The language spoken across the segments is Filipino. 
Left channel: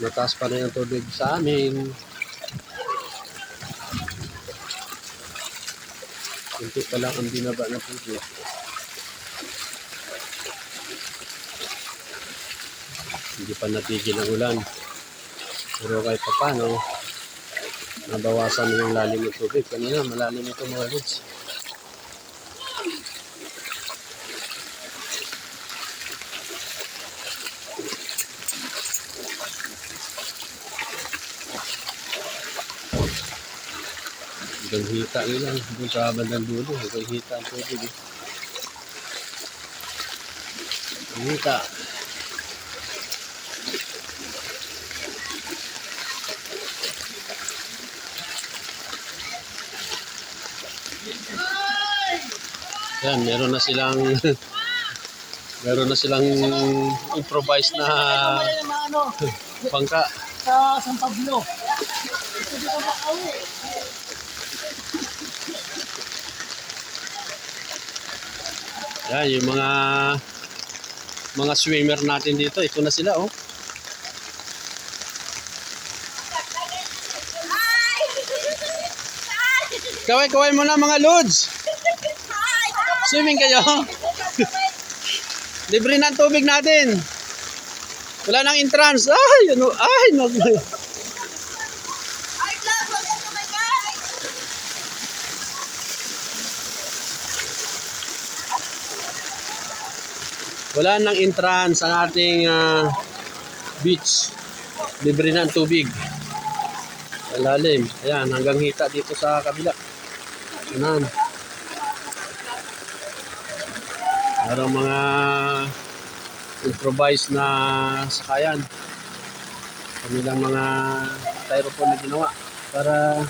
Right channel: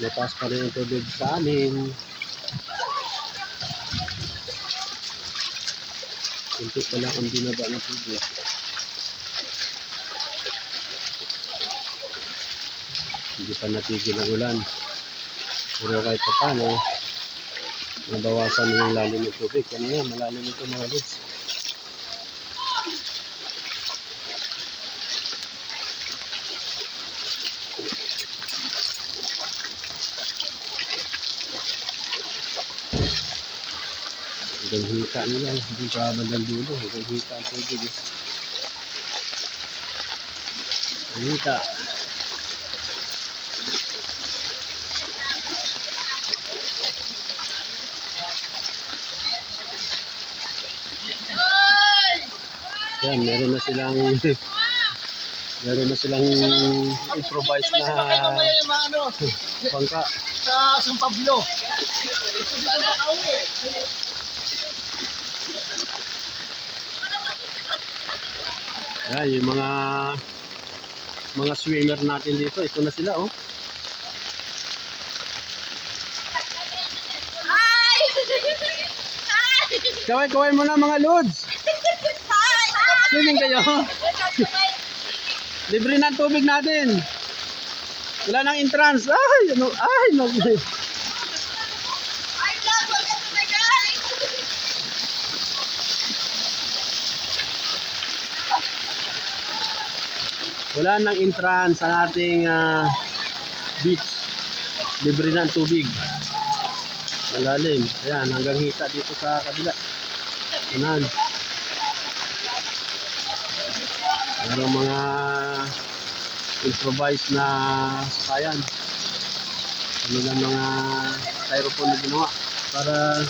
Mataas pa rin ang tubig sa amin. Kunti pa lang ang binaba na tubig. Hindi pa natigil ang ulan. Pero kahit pa paano, nabawasan yung lalim ng tubig. Kanina malalim ito mga lods. Hanggang hita nila, hindi pa bandang dulo, hanggang hita ang tubig eh. Hita. Yan, meron na silang meron na silang improvised na bangka Sa San Pablo. Ito dito makauwi. yan, yung mga swimmer natin dito, ito na sila oh. Kaway-kaway mo na mga lods. Swimming kayo. Libre na ang tubig natin. Wala nang entrance. Ay, ano, ay, no. Wala nang entrance ang ating beach. Libre na ang tubig. Malalim. Ayan, hanggang hita dito sa kabila. Ayan. Merong mga improvised na sakayan. Kanilang mga styrofoam na ginawa para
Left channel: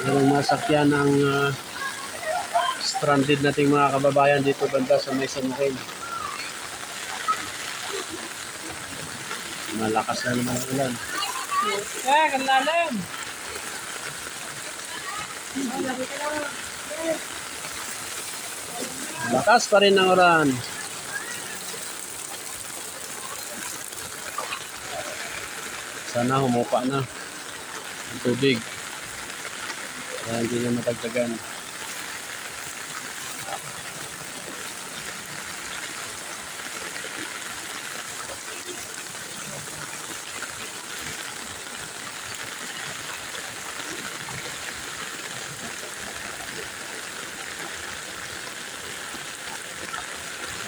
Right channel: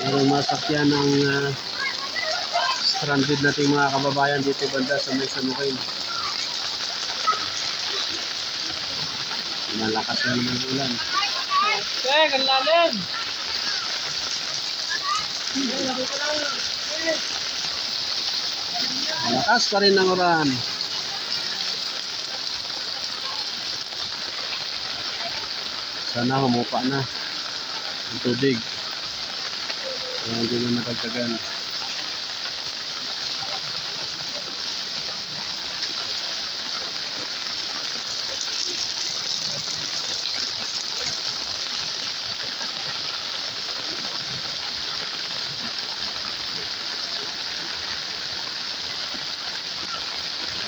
merong masakyan ng stranded nating mga kababayan dito banda sa may San Joaquin. Malakas na naman ang ulan. Okay, kanlalim. Malakas pa rin ang ulan. Sana humupa na ang tubig. Kaya hindi na matagtagan.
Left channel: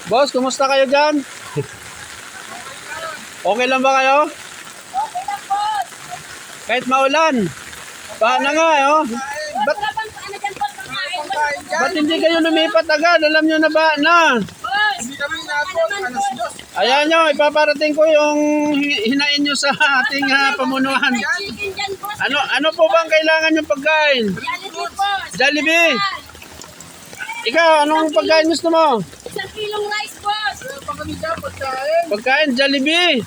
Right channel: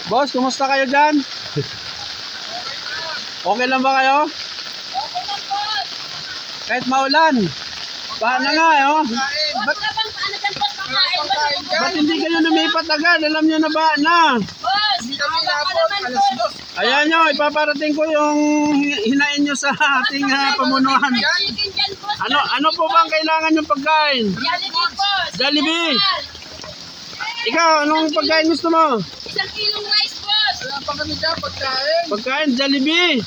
Boss, kumusta kayo dyan? Okay lang ba kayo? Okay lang, boss. Kahit maulan. Paano nga, oh? Ba't wala bang paano dyan, boss? Pangkain. Ba't hindi kayo lumipat agad? Alam nyo na ba na? Boss, Hindi kami tama ka napon. naman, Alas boss. 2. Ayan nyo, ipaparating ko yung hinain nyo sa ating pamunuan. May chicken dyan, boss. Ano po bang kailangan yung pagkain? Jollibee, boss. Jollibee. Ikaw, anong pagkain gusto mo? 1 kilong rice, boss. Wala pa kami dyan pagkain. Pagkain, Jollibee.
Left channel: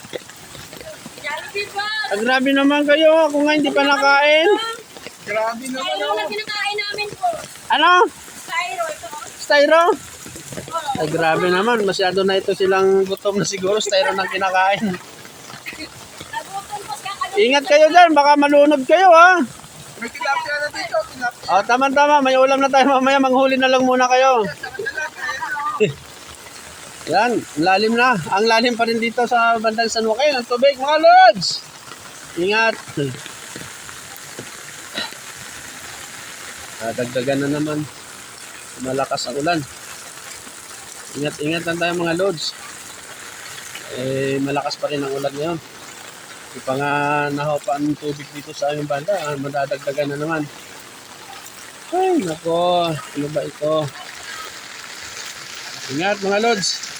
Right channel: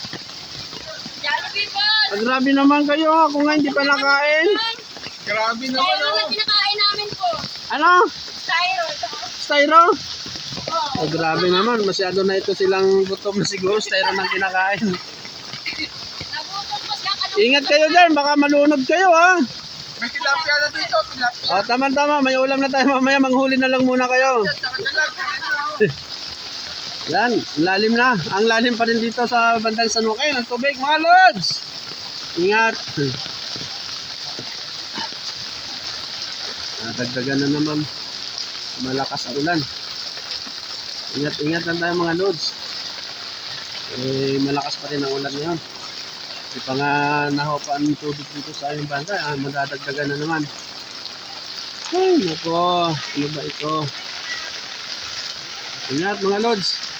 Jollibee, boss. Grabe naman kayo, ako nga hindi pa nakain. Grabe naman Styro oh. lang kinakain namin, boss. Ano? Styro, ito. Styro? Oh. Ay, grabe naman, masyado na ito silang gutom na siguro, styro nang kinakain. Nagutom, boss. Kakalungkot. Ingat kayo dyan, baka malunod kayo ha. May tilapia na dito. Tilapia. O, tama-tama, may ulam na tayo mamaya, manghuli na lang muna kayo. Saka na lang. Yan, lalim na. Ang lalim pa rin dito sa bandang San Joaquin, ang tubig, mga lods. Ingat. Dagdagan na naman. Malakas ang ulan. Ingat-ingat lang tayo mga lods. Malakas pa rin ang ulan ngayon. Di pa nga nahopa ang tubig dito sa aming banda. Madadagdagan na naman. Ay, nako. Ano ba ito? Ingat mga lods.